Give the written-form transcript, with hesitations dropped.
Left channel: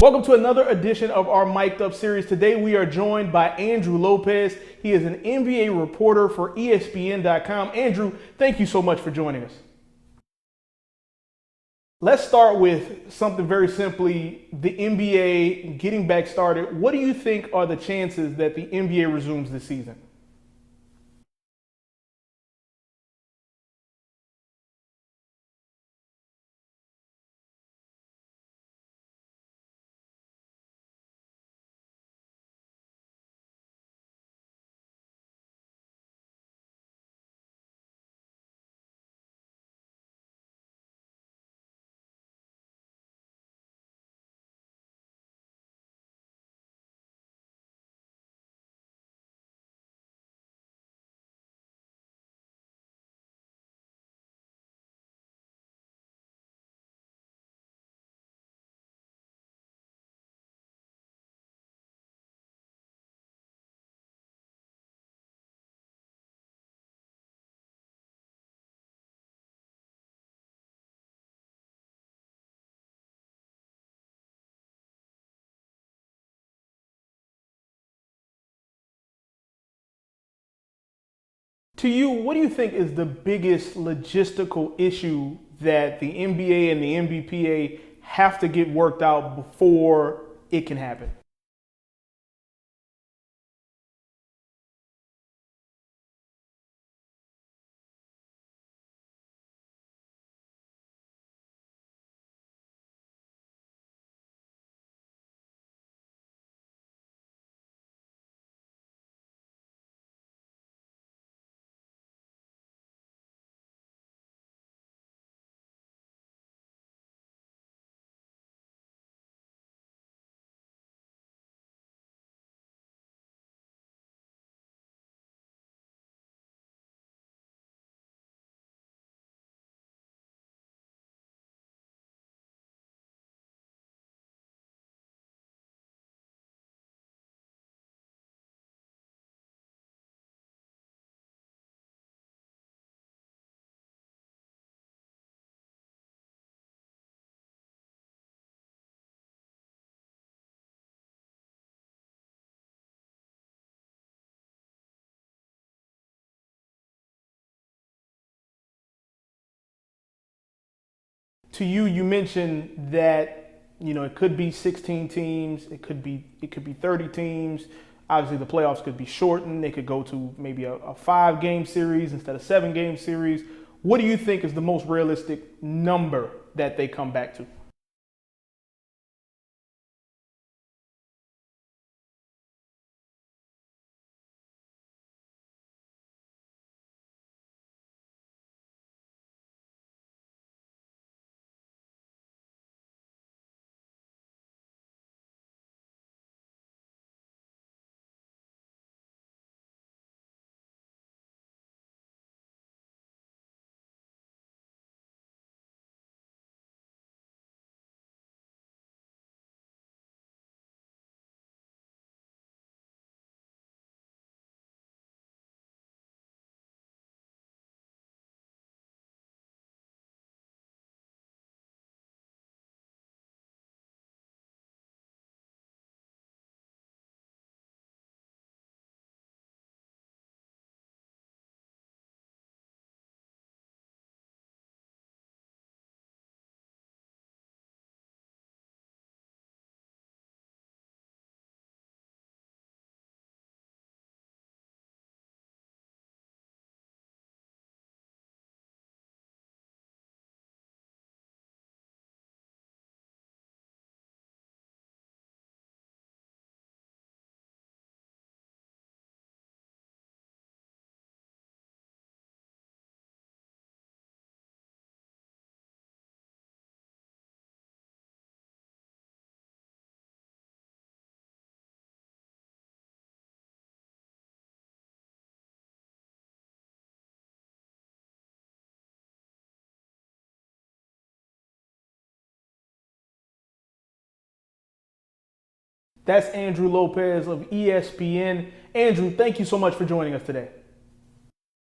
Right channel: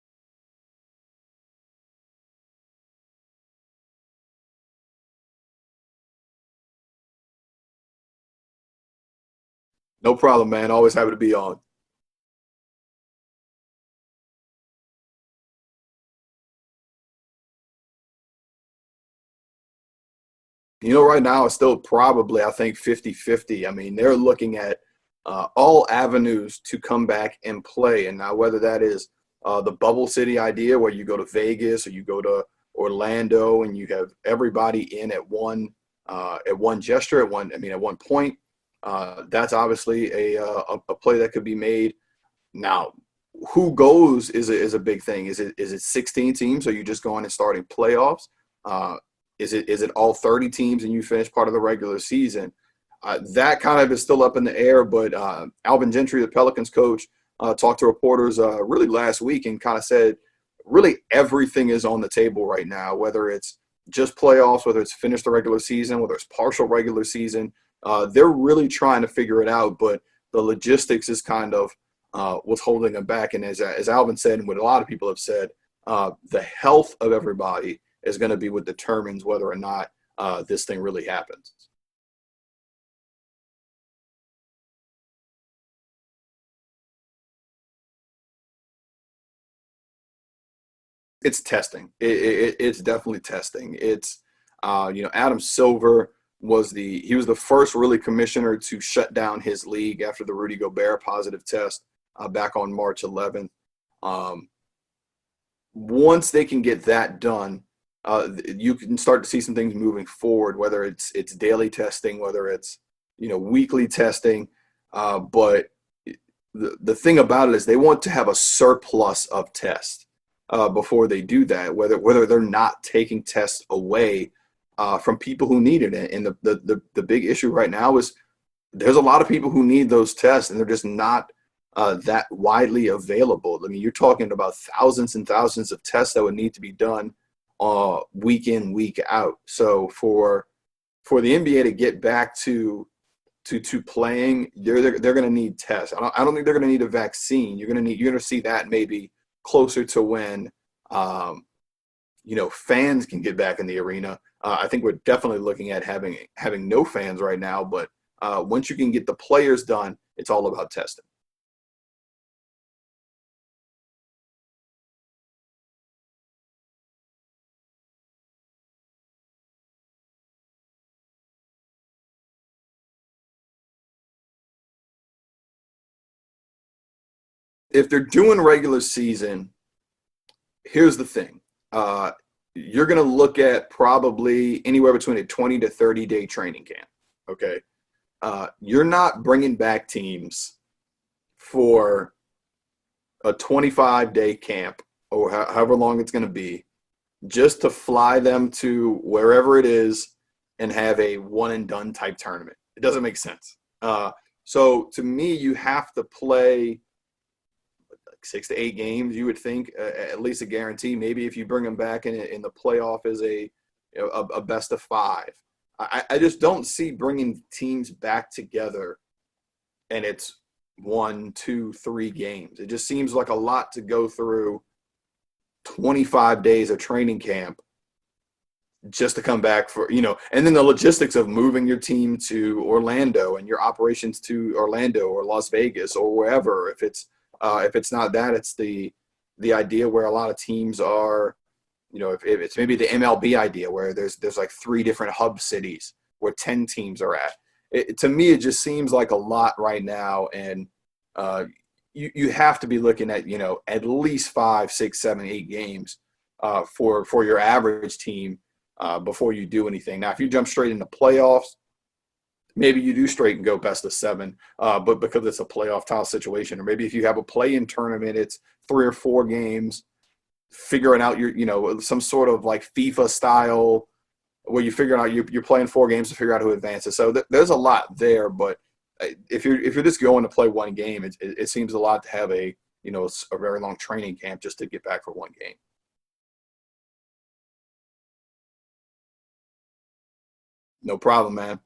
Welcome to another edition of our Mic'd Up series. Today we are joined by Andrew Lopez. He is an NBA reporter for ESPN.com. Andrew, thank you so much for joining us. No problem, man. Always happy to be on. Let's start with something very simply, the NBA getting back started. What do you think are the chances that the NBA resumes this season? Right now it's still probably, I think, 50-50. I mean, they're looking at all avenues to come back and play. And now whether that is the bubble city idea where you go to Vegas or you go to Orlando and you have everybody in at one gesture, at one point, that's obviously a play that could be made. Now, who goes is a big thing. Is it 16 teams? Are you just going and starting playoffs? Is it all 30 teams and you finish part of the regular season? That kind of is still up in the air. But Alvin Gentry, the Pelicans coach, talked to reporters really last week and kind of said really everything is on the table right now, whether it's just playoffs, whether it's finish the regular season, whether it's partial regular season. They're really trying to figure it out, but the logistics is kind of what's holding them back. And as Alvin said, and what a lot of people have said, the health of everybody is going to be what determines whether or not this thing really happens. To you, what do you think is the biggest logistical issue that the NBA and the NBPA have to get worked out before it can happen? It's testing. It's definitely testing. It's Adam Silver was the first really commissioner to shut down his league after the Rudy Gobert positive test back on March 11th. Once they can get that done, you can start to see some things moving forward, whether it's daily testing, whether it's weekly testing. But the thing about it is they want to have a surplus of tests before they do that, whether they're not taking tests away from people who need it. And the big issue right now is there's a lot of people who need those tests and they're just not that widely available. I mean, you're talking about thousands and thousands of tests that would need to be done week in, week out. So for the NBA to get back to playing, they're going to need tests. I don't think they're going to need a vaccine. You're going to see that maybe closer to when fans can get back in the arena. I think we're definitely looking at having no fans right now, but once you can get the players done, it's all about testing. To you, you mentioned that it could be 16 teams, it could be 30 teams. Obviously, the playoffs could be shortened. They could go to maybe a 5-game series instead of 7-game series. What do you think is the most realistic number that they come back to? If they're doing regular season, here's the thing. You're going to look at probably anywhere between a 20 to 30-day training camp, okay? You're not bringing back teams for a 25-day camp or however long it's going to be just to fly them to wherever it is and have a one-and-done type tournament. It doesn't make sense. So to me, you have to play 6 to 8 games, you would think, at least a guarantee. Maybe if you bring them back in the playoff as a best of 5. I just don't see bringing teams back together and it's 1, 2, 3 games. It just seems like a lot to go through 25 days of training camp just to come back for, and then the logistics of moving your team to Orlando and your operations to Orlando or Las Vegas or wherever. If it's not that, it's the idea where a lot of teams are, if it's maybe the MLB idea where there's like 3 different hub cities where 10 teams are at. To me, it just seems like a lot right now. And you have to be looking at, at least 5, 6, 7, 8 games for your average team before you do anything. Now, if you jump straight into playoffs, maybe you do straight and go best of 7, but because it's a playoff style situation, or maybe if you have a play-in tournament, it's 3 or 4 games, figuring out your, some sort of like FIFA style where you figure out you're playing 4 games to figure out who advances. So there's a lot there, but if you're just going to play 1 game, it seems a lot to have a very long training camp just to get back for 1 game. That's Andrew Lopez of ESPN. Andrew, thank you so much for joining us today. No problem, man.